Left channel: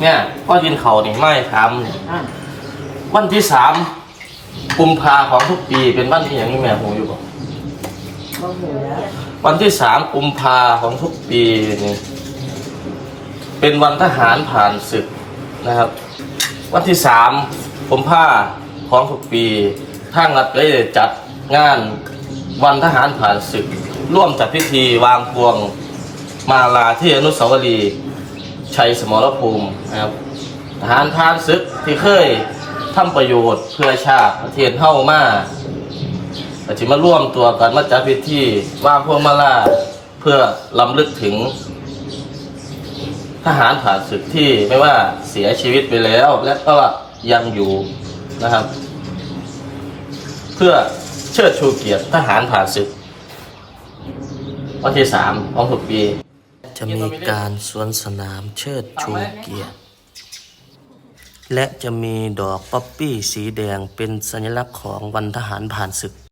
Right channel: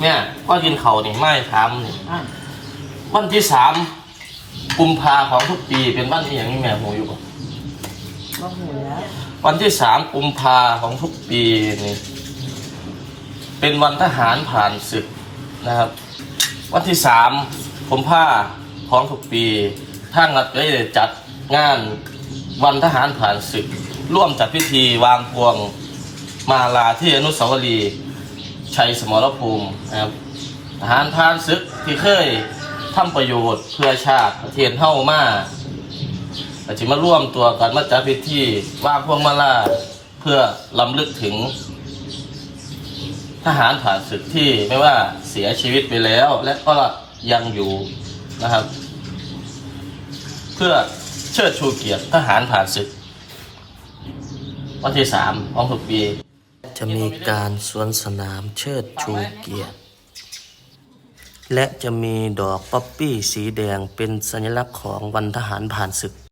เนี่ยพ่อยินเขาเนี่ยไม่ทำเนี่ยอะวันที่สามกุมภาของทุกปีเป็นวันที่อย่างนี้แม่หูอยู่บ่ก็หูแล้ววันที่สามกุมภาของทุกปีนี่เป็นวันทหารผ่านศึกนะครับ วันที่สามกุมภาของทุกปีทางรัฐได้จัดงานวันทหารผ่านศึก ร่วมจัดพิธีวางพวงมาลาที่อนุสาวรีย์ ชัยสมรภูมินะครับทหารผ่านศึกที่เคยทำประโยชน์เพื่อชาติประเทศเฮ้ามาอาจจะมาร่วมตัวกันมาจัดพิธีวาพวงมาลาเพื่อลำลึกถึง ทหารผ่านศึกที่ไม่ว่าเสียชีวิตไปแล้ว และก็ยังอยู่นะครับ เพื่อเชิดชูเกียรติทหารผ่านศึกวันที่สามของทุกปี จะมีการสวนสนามเชิดชูเกียรติ และจะมีดอกป๊อปปี้สีแดงเป็นสัญลักษณ์ของวันทหารผ่านศึก